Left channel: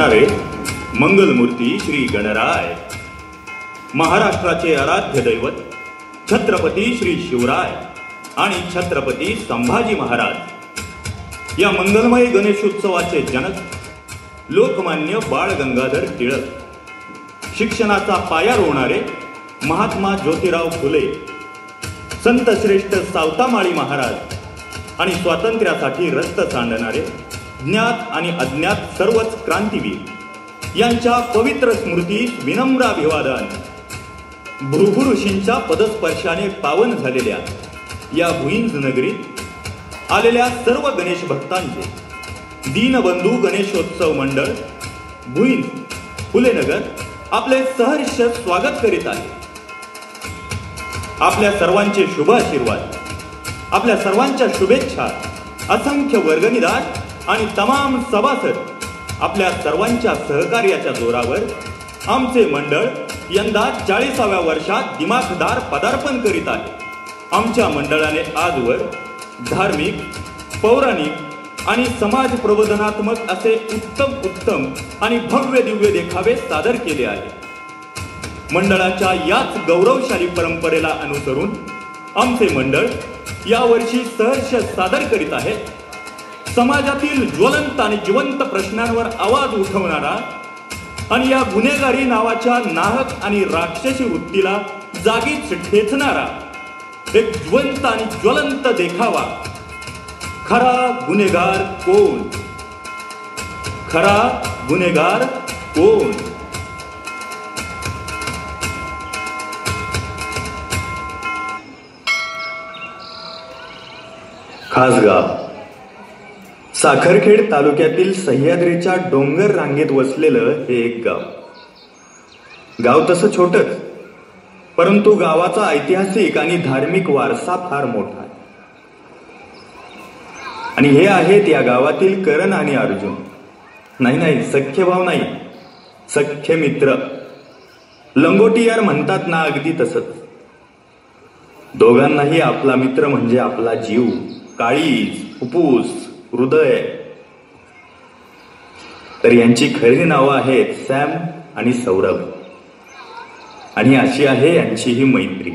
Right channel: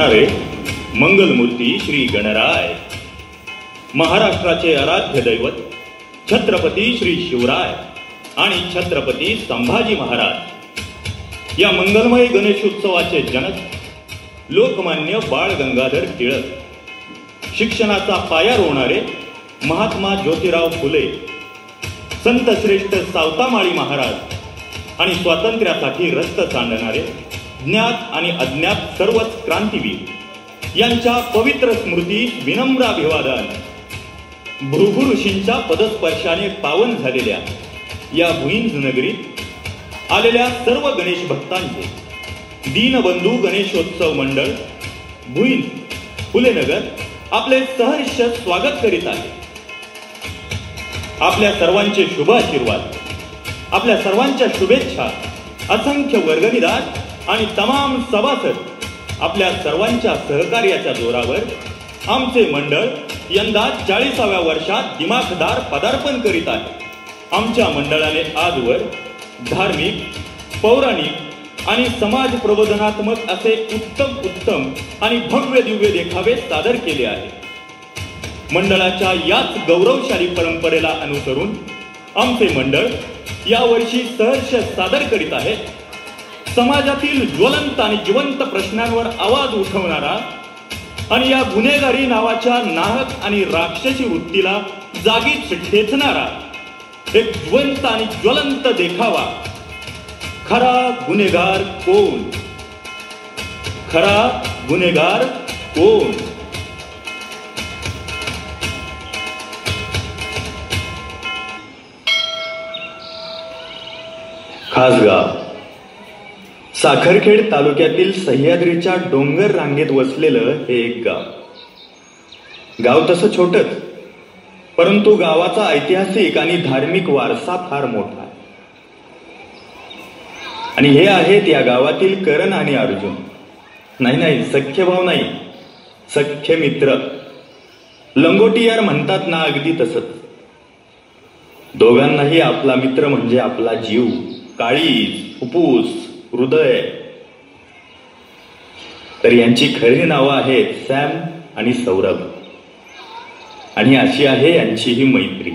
वाचणारे मंगलमूर्ती श्री गणराय, महाराष्ट्राचे आराध्य दैवत छत्रपती श्री शिवराय आणि छत्रपती संभाजी महाराज या मंगलमय गणेशोत्सवाचे जनक लोकमान्य बाळ गंगाधर टिळक, शिक्षणाचा पाया रोवणारे महात्मा ज्योतिराव फुले, संत श्रेष्ठ सावतामाळी महाराज आणि स्वातंत्र्यासाठी रक्त सांडणारे ज्ञात आणि अज्ञात सर्वच क्रांतीवीर यांच्या पवित्र स्मृतीस विनम्र अभिवादन. भृगु ऋषींच्या पदस्पर्शाने पावन झालेल्या या भुईंज नगरीत आलेल्या सर्व गणेश भक्तांचे दीनबंधू गणेशोत्सव मंडळ भुईंज फुलेनगर आपले सहर्ष स्वागत करीत आहे. आपल्या सर्वांचे शुभ आशीर्वाद, आपल्या सर्वांच्या शुभेच्छा, असंख्य वर्गणीदार आणि तमाम सभासद आपल्या सर्वांच्या सहकार्याच्या जोरावर आमचे मंडळ यंदा 40व्या वर्षात दिमाखदार पदार्पण करीत आहे. आमच्या मंडळाने आजवर धार्मिक, पौराणिक आणि समाज प्रबोधनात्मक असे उत्तम आणि भव्य दिव्य देखावे सादर केले आहेत. मंडळाच्या याच गौरवशाली परंपरेला अनुसरून आमचे मंडळ यावर्षी सहर्ष सादर करीत आहे समाजातील ज्वलंत आणि जिवंत प्रश्नांवर आवाज उठवणारा आणि या गुन्हेगारी नावाच्या नाहक आणि राक्षसी वृत्तीला जागीच ठेचणारा एक जिवंत आणि ज्वलंत देखावा. खरा गुन्हेगार कोण? खरा गुन्हेगार कोण? खासगाव साखरखेड तालुक्यातील सह्याद्रीच्या डोंगर रांगेत वसलेलं हे एक गाव. गाव तसं छोटंच, परंतु गावाचा ऐतिहासिक आणि धार्मिक वारसा फार मोठा. आणि हे आहेत या गावातील करण आणि अर्जुन. नाही, सख्य भाव नाही, सख्य मित्र. लंगोटी यार म्हणतात ना, अगदी तसंच. दोघांनाही आपला मित्र म्हणजे आपला जीव, काळीज, फुफ्फुस, हृदय. तर यांची खरी नावं आहेत सॅम आणि सौरभ. आणि अशी आहे यांची ही मैत्री.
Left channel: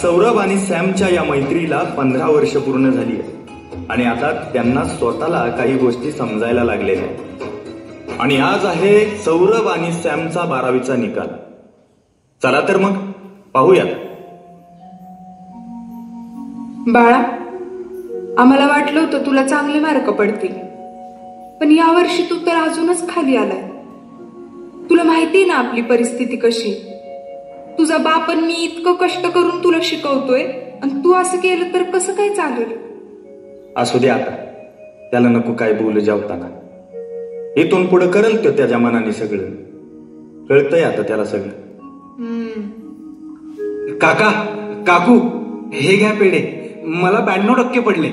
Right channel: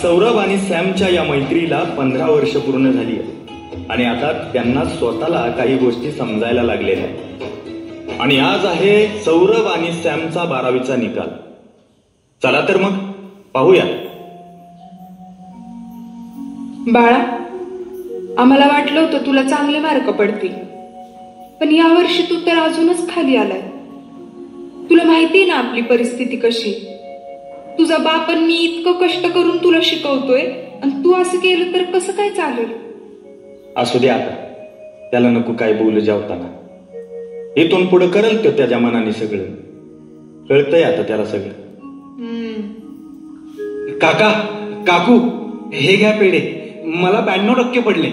सौरभ आणि सॅमच्या या मैत्रीला 15 वर्ष पूर्ण झाली आहेत आणि आता त्यांना स्वतःला काही गोष्टी समजायला लागलेल्या आहेत. आणि आज आहे सौरभ आणि सॅमचा 12वीचा निकाल. चला तर मग पाहूया. बाळा, आम्हाला वाटलं होतं तुला चांगले मार्क पडतील, पण यावर्षी तू तर अजूनच खाली आलाय. तुला माहिती ना आपली परिस्थिती कशी. तुझा बाप आणि मी इतकं कष्ट करून तुला शिकवतोय आणि तू असं केलं तर कसं काय चालेल. असू द्या, त्याला नको काय बोलू जेवताना. इथून पुढे करेल तो त्याच्या मनाने सगळं. कळतंय आता त्याला सगळं. काका, काकू, हे घ्या पेढे. मला 92% पडले.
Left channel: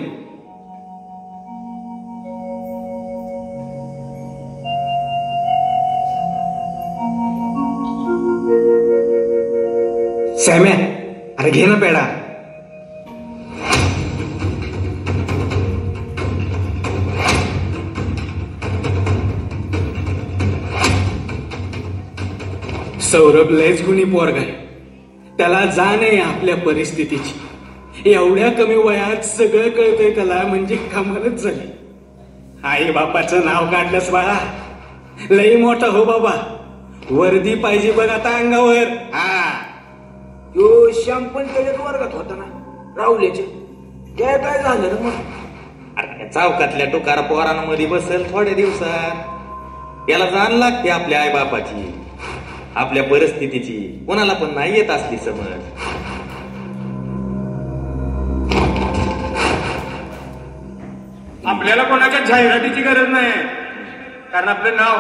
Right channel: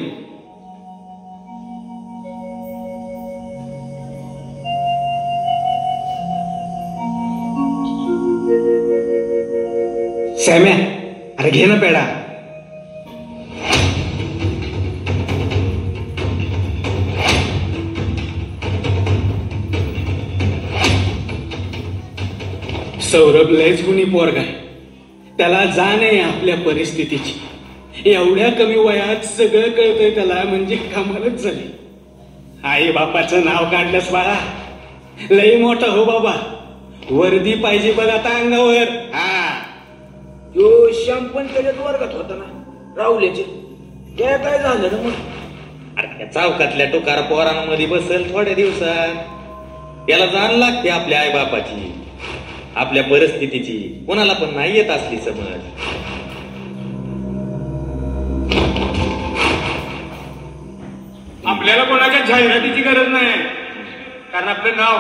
सॅम्या, अरे घे ना पेढा. सौरभ लयच गुणी पोरगा आहे. त्याला जाण आहे आपल्या परिस्थितीची. एवढ्या कमी वयात सगळं कळतंय त्याला, म्हणजे कमालच झाली. आई बापाचं नाव काढलंस बाळा, लई मोठा हो बाबा. वर्दी पाहिजे बघ आता अंगावर. हा, यो श्याम पण त्याच्यात वर्गात होता ना, राहुल्याचे. त्या काय झालं ना मग? अरे चौकातल्या टुकार पोरांमध्ये बसेल थोड्या दिवसात. याला जाण लागते आपल्या आई बापाची, आपल्या परिस्थितीची. कोणाला पण नाही येत असली समज. आपल्याला कोणाच्या जाहिरातीची गरज नाही, कारण आपलं नाव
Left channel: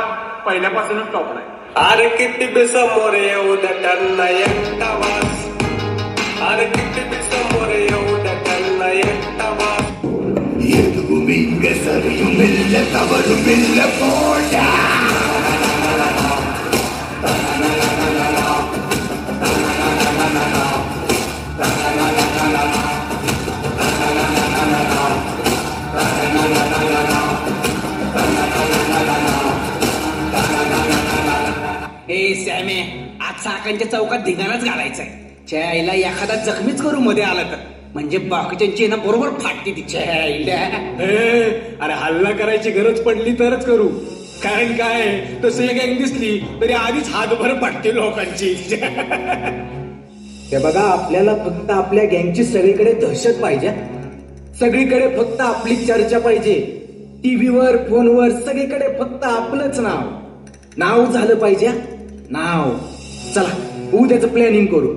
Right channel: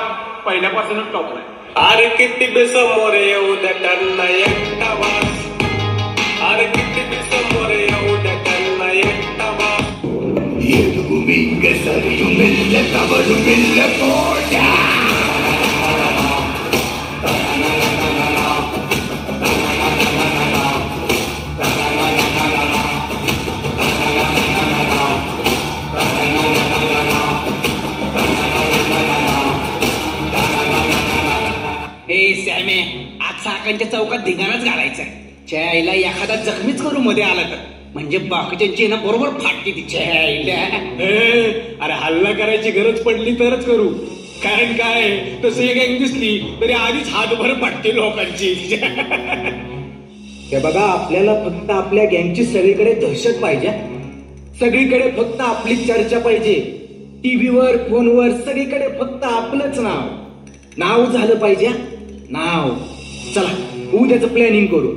पहिल्यापासूनच टॉपला आहे. अरे किती बी समोर येऊ द्या त्यांना एकटा वास. अरे किती बी समोर येऊ द्या त्यांना एकटा वास. सॅमे, आज चाकांच्या चौकात धिंगाणाच घालायचाय. आईला एखादा जखमीच करू मध्ये आला तर, म्हणजे बाकीच्यांची ना बरोबर फाटते तिच्या आईला. अरे हल्ला करायची गरज पडली तरच करू, कारण काय तसं एक गँग दिसली तरी आधीच हातभर फाटते लोकांची. ते बघा, आपल्याला फक्त आपल्या गँगची सगळीकडे दहशत पाहिजे. सगळीकडे फक्त आपली चर्चा पाहिजे. टीव्हीवर, फोनवर, सगळीकडे फक्त आपलंच नाव झालं पाहिजे. नाव. चला उद्याचं प्लॅनिंग करू.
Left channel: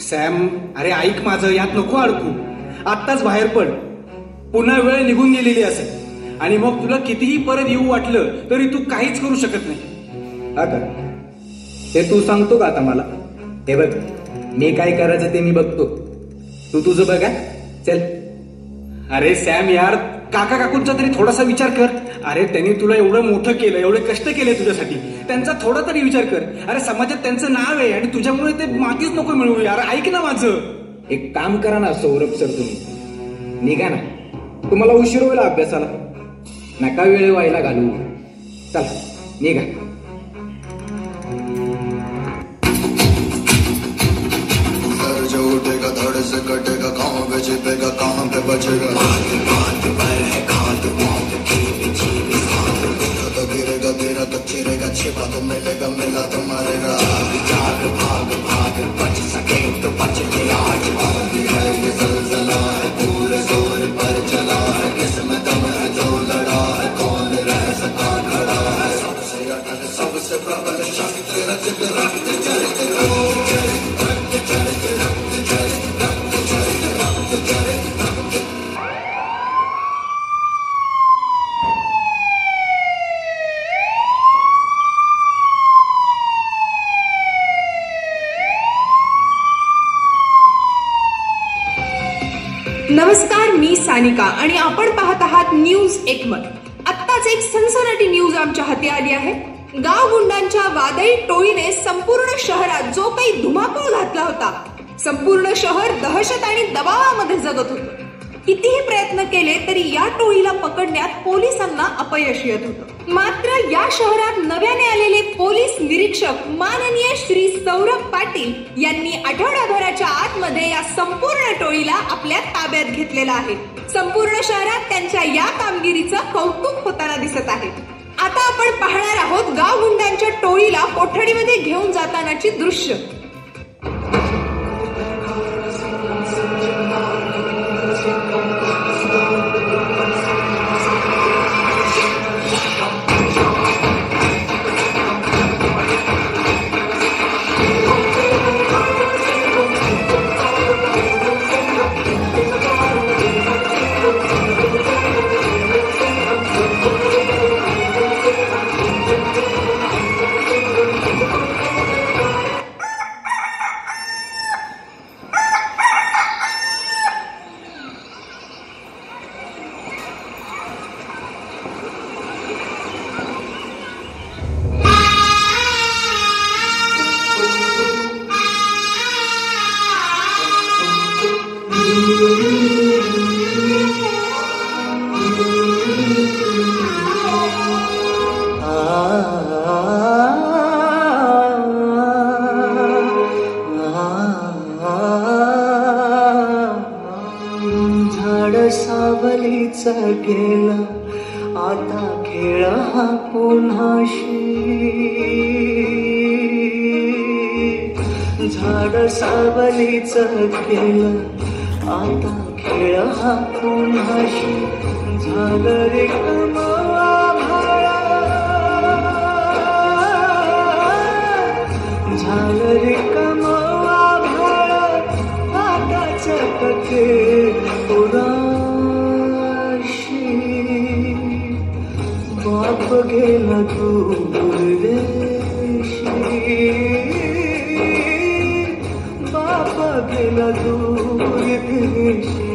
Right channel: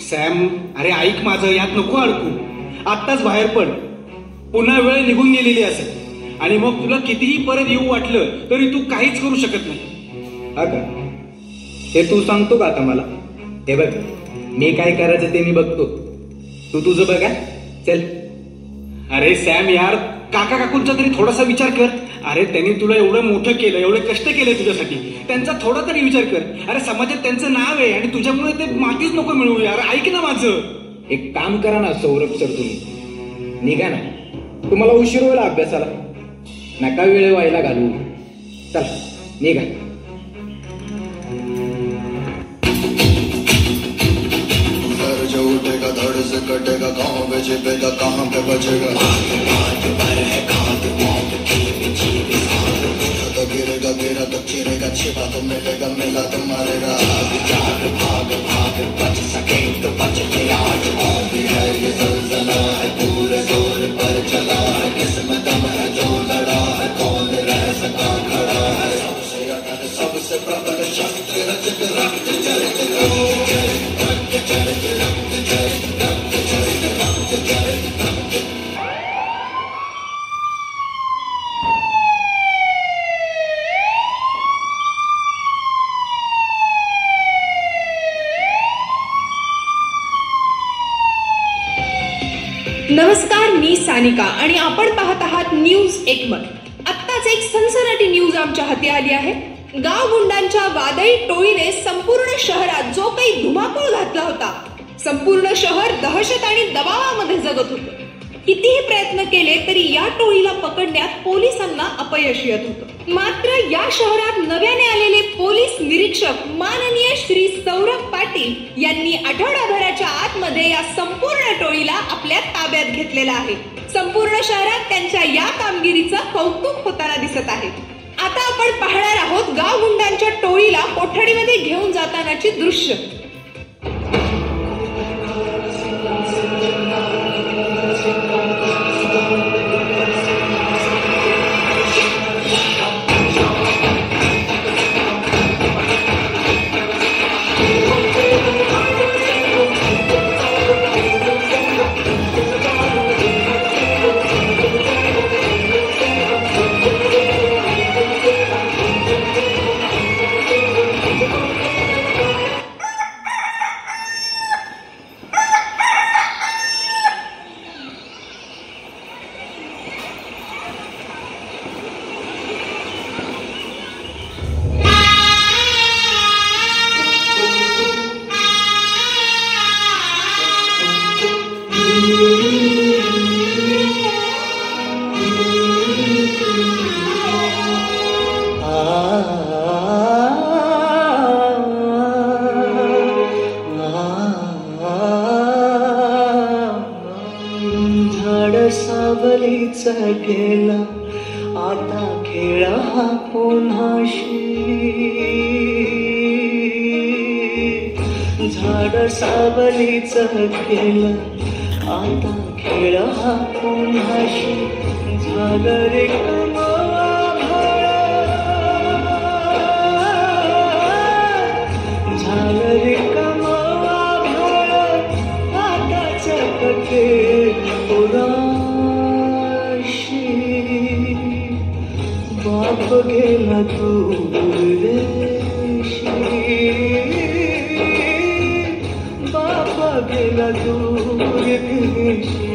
सॅम, अरे ऐक माझं, यात नको अडकू. आत्ताच बाहेर पड. पुन्हा वेळ निघून गेलेली असेल आणि मग तुला कितीही परत येऊ वाटलं तरी तू काहीच करू शकत नाही. हा का? हे तू सांगतो का आता मला? हे बघ, मी काय करायचं ते मी बघतो, तू तुझं बघा. चल. अरे सॅम यार, काका काकूंचा तरी थोडासा विचार कर. अरे त्यांनी तुला एवढं मोठं केलं, एवढे कष्ट केले तुझ्यासाठी, त्यांचा थोडा तरी विचार कर. अरे समाजात त्यांचं नाव आहे आणि तुझ्यामुळे ते मातीच नको मिळू. यार ऐक ना माझं. एक काम करा ना सौरभ सर, तुम्ही निघा ना. तुम्हाला उशीर होईल अभ्यासाला, नका वेळ व्हायला घालू. चला निघा. जो उठेगा धड़ से कटेगा, कहाँ पे छिपेगा, कहाँ पे बचेगा. तो गिरेगा गिरा तो चिरेगा, छिपा तो मिलेगा, मिला तो मारेगा. बच सके तो बच गया. है ये ज़लज़ला है, पूरे जोर पर चला है. किस्मत में जो लड़ा है, कौन रह सका खड़ा है. सबसे अटल, सबसे प्रबल शक्ति रचित रक्त चरित नमस्कार, मी सानिका आणि आपण पाहत आहात न्यूज एकमत. आत्ताच एक सनसनाटी न्यूज आमच्या हाती आली आहे. गाव गुंडांच्या वादळी टोळीने संपूर्ण शहरात जो काही धुमाकूळ घातला होता, संपूर्ण शहर दहशत आणि दबावामध्ये जगत होतं. कितीही प्रयत्न केले तरी या टोळीला पकडण्यात पोलिसांना अपयश येत होतं. मात्र या शहरात नव्याने आलेले पोलीस निरीक्षक माननीय श्री सौरभ पाटील यांनी आठवडाभराच्या आतमध्ये या संपूर्ण टोळीला आपल्या ताब्यात घेतलेला आहे. संपूर्ण शहरात त्यांच्या या कामगिरीचं कौतुक होताना दिसत आहे. आता आपण पाहणार आहोत गाव गुंडांच्या टोळीला कोठडीमध्ये घेऊन जातानाची दृश्य. गेला आता खेळ हा पुन्हाशी झाड सावलीच गेला आता खेळ हा पुन्हाशी झालं रे झालं रे कमवा भाळ आताच पके उदाशी बाप गेला दूर देशी बाप गेला दूर देशी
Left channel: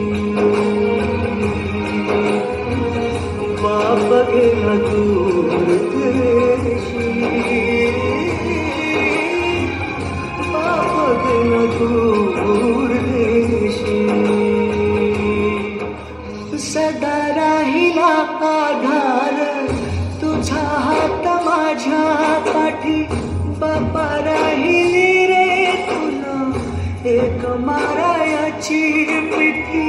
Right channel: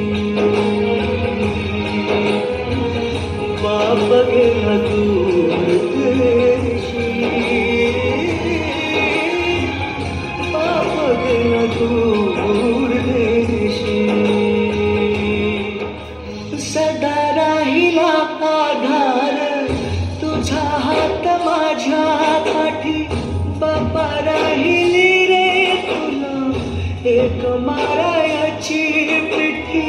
बाप गेला दूर देशी बाप गेला दूर देशी सदा राहिला आधार तुझा हात माझ्या पाठी बापा राहिली रे तुला एक मारायाची पिठी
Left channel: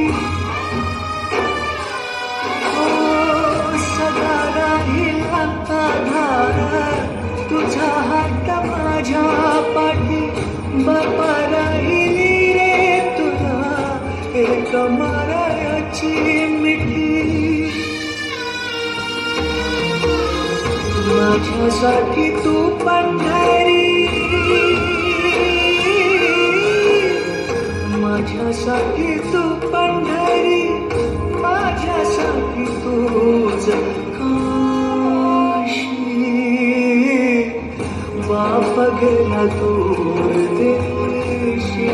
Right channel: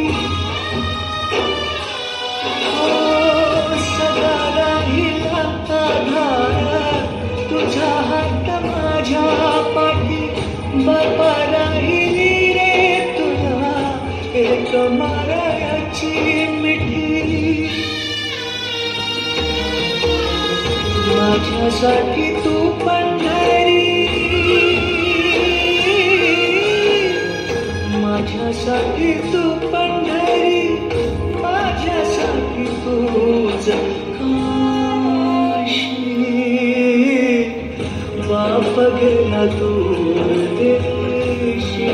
सदा राहिला आधार तुझा हात माझ्या पाठी बापा राहिली रे तुला एक मारायाची मिठी माझ्यासाठी तू पंढरी माझ्यासाठी तू पंढरी माझ्यासाठी तूच काशी बाप गेला दूर देशी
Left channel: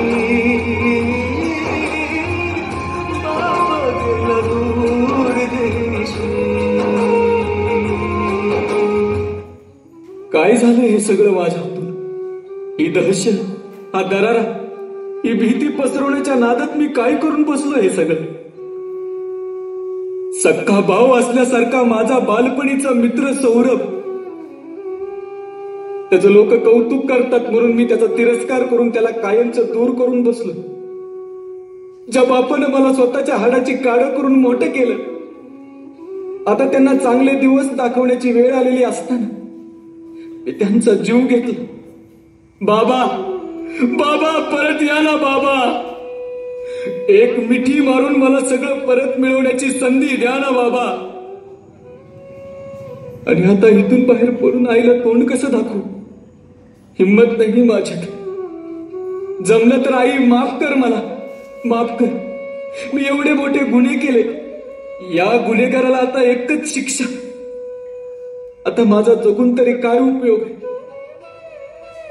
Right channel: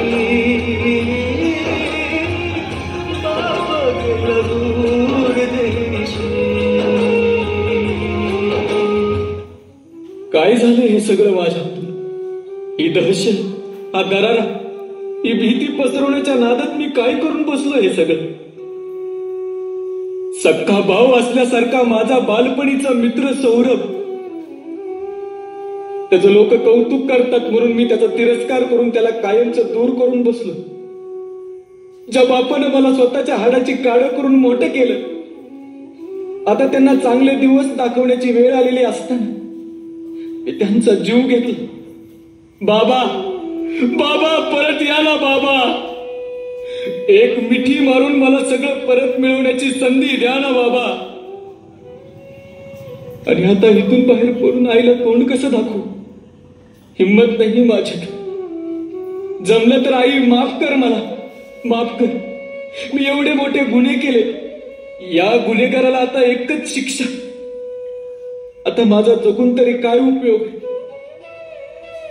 बाप गेला दूर देशी काय झालं हे सगळं माझ्या हातून? ही दहशत, हा दरारा, ही भीती पसरवण्याच्या नादात मी काय करून बसलो हे सगळं? सक्का भाऊ असल्यासारखा माझा बालपणीचा मित्र सौरभ, त्याचं लोक कौतुक करतात म्हणून मी त्याचा तिरस्कार करून त्याला कायमचं दूर करून बसलो. ज्या बापानं मला स्वतःच्या हाडाची काळं करून मोठं केलं, आता त्यांना चांगले दिवस दाखवण्याची वेळ आलेली असताना मी त्यांचा जीव घेतला. बाबा बाबा परत या ना बाबा, एक मिठी मारून मला सगळं परत मिळवण्याची संधी द्या ना बाबा. आणि आता इथून बाहेर पडून आईला तोंड कसं दाखवू? हिम्मत नाही माझ्याकडे. जमलं तर आई माफ कर, मला माफ कर. मी एवढे मोठे गुन्हे केले, या गुन्हेगाराला आता एकच शिक्षा. आता माझा जगून तरी काय उपयोग?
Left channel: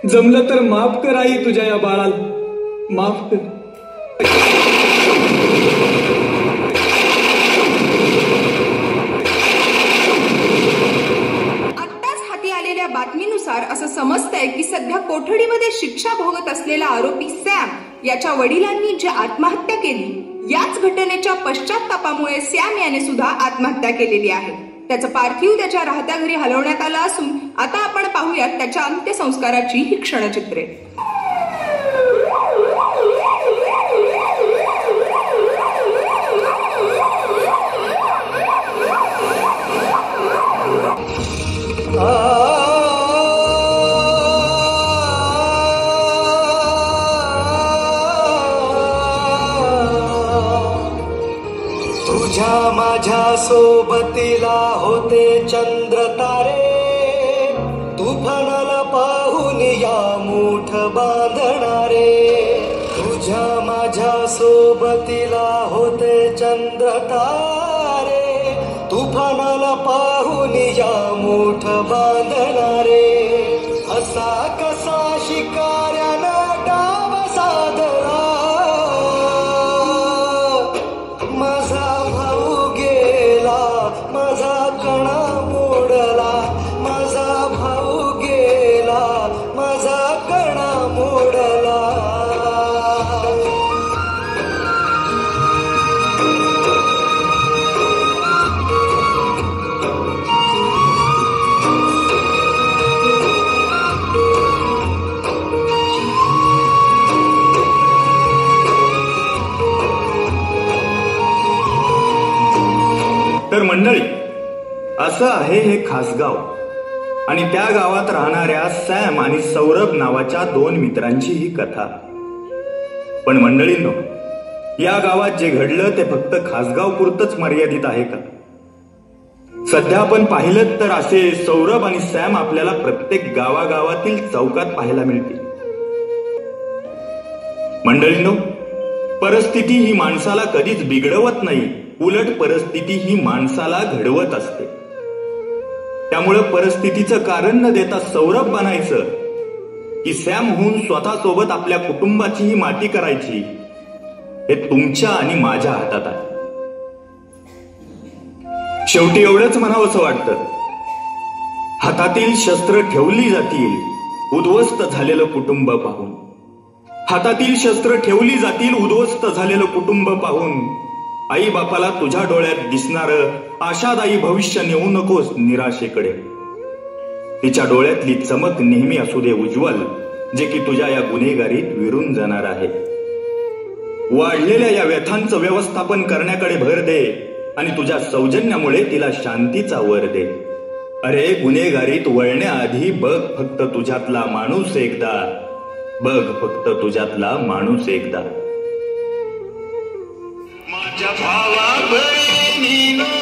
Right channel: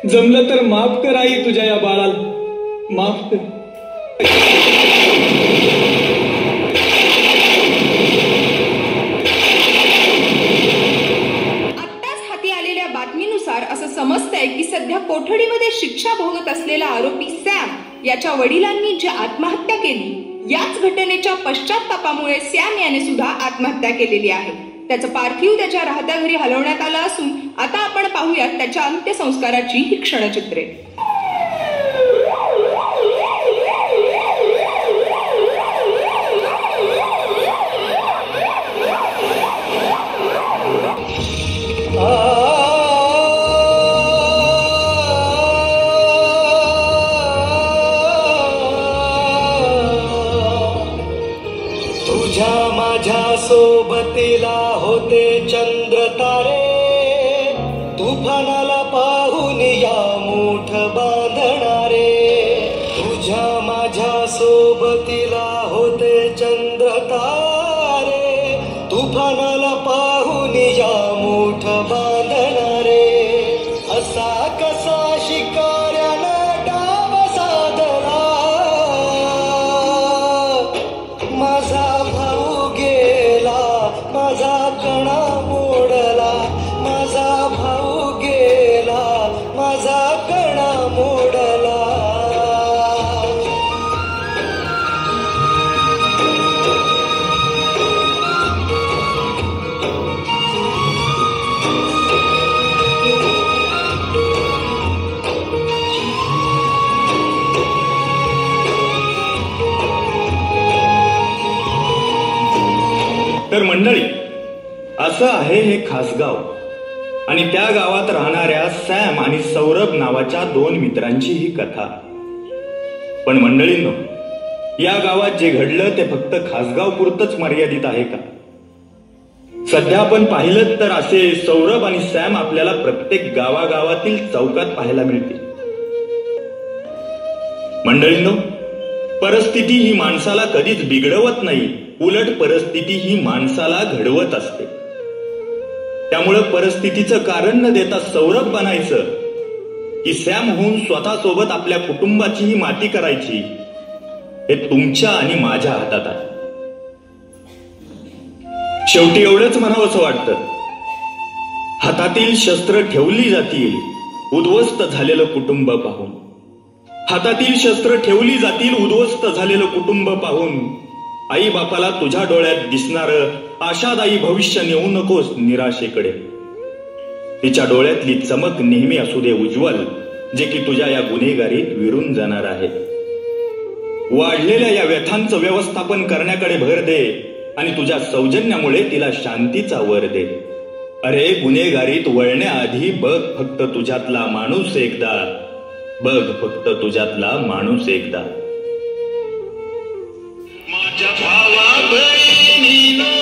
जमलं तर माफ कर आई तुझ्या या बाळाला, माफ कर. आत्ताच हाती आलेल्या बातमीनुसार असं समजतंय की सध्या कोठडीमध्ये शिक्षा भोगत असलेला आरोपी सॅम याच्या वडिलांनी जी आत्महत्या केली, याच घटनेच्या पश्चात्तापामुळे सॅम याने सुद्धा आत्महत्या केलेली आहे. त्याचं पार्थिव त्याच्या राहत्या घरी हलवण्यात आलं असून आता आपण पाहूयात त्याच्या अंत्यसंस्काराची ही क्षणचित्रे. तुझ्या माझ्या सोबतीला होते चंद्र तारे, तुफानाला पाहून या मूठ बांधणारे. तुझ्या माझ्या सोबतीला होते चंद्र तारे, तुफानाला पाहून या मूठ बांधणारे. असा कसा शिकाऱ्याला डाव साधला, माझा भाऊ गेला, माझा कणा मोडला, माझा भाऊ गेला, माझा कणा मोडला. तर मंडळी, असं आहे हे खास गाव आणि त्या गावात राहणाऱ्या सॅम आणि सौरभ नावाच्या 2 मित्रांची ही कथा. पण मंडळींनो, या गावात जे घडलं ते फक्त खासगाव पुरतच मर्यादित आहे का? सध्या आपण पाहिलं तर असे सौरभ आणि सॅम आपल्याला प्रत्येक गावागावातील चौकात पाहायला मिळतील. मंडळींनो, परिस्थिती ही माणसाला कधीच बिघडवत नाही, उलट परिस्थिती ही माणसाला घडवत असते. त्यामुळे परिस्थितीचं कारण न देता सौरभ बनायचं की सॅम होऊन स्वतःसोबत आपल्या कुटुंबाचीही माती करायची, हे तुमच्या आणि माझ्या हातात आहे. शेवटी एवढंच म्हणावंसं वाटतं, हातातील शस्त्र ठेवली जातील उद्ध्वस्त झालेलं कुटुंब पाहून. हातातील शस्त्र ठेवली जातील उद्ध्वस्त झालेलं कुटुंब पाहून. आई बापाला तुझ्या डोळ्यात दिसणारं आशादायी भविष्य नेऊ नकोस निराशेकडे. तिच्या डोळ्यातली चमक नेहमी असू दे उज्ज्वल, जे की तुझ्या या गुन्हेगारीत विरून जाणार आहे. वाढलेल्या या व्यथांचं व्यवस्थापन करण्याकडे भर दे आणि तुझ्या सौजन्यामुळे तिला शांतीचा वर दे. अरे, गुन्हेगारीत वळण्याआधी बघ फक्त तुझ्यातला माणूस एकदा, बघ फक्त तुझ्यातला माणूस एकदा. माझ्या भावा बहिणीनं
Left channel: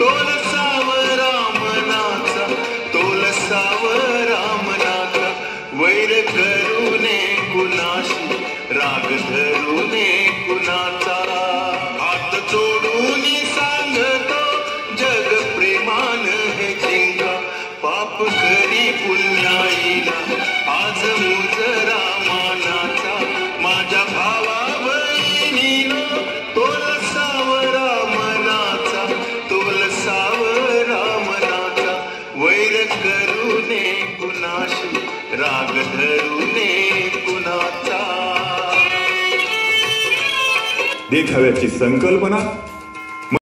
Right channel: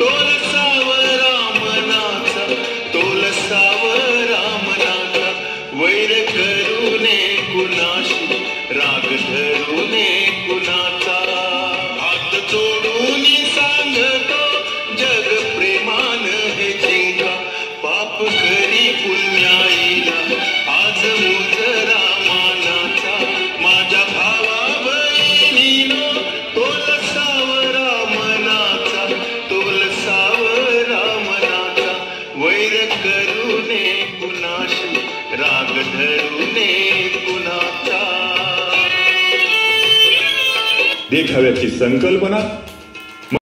तोलसावं रामनाचा, तोलसावं रामनाचा, वैर करू नये कुणाशी, राग धरू नये कुणाचा. हात जोडून सांगतो जग प्रेमानं हे जिंका, पाप करी पुण्याईला आज मुझ रामानाचा. माझ्या भावा बहिणीनं तोलसावं रामनाचा, तोलसावं रामनाचा, वैर करू नये कुणाशी, राग धरू नये कुणाचा. देखाव्याची संकल्पना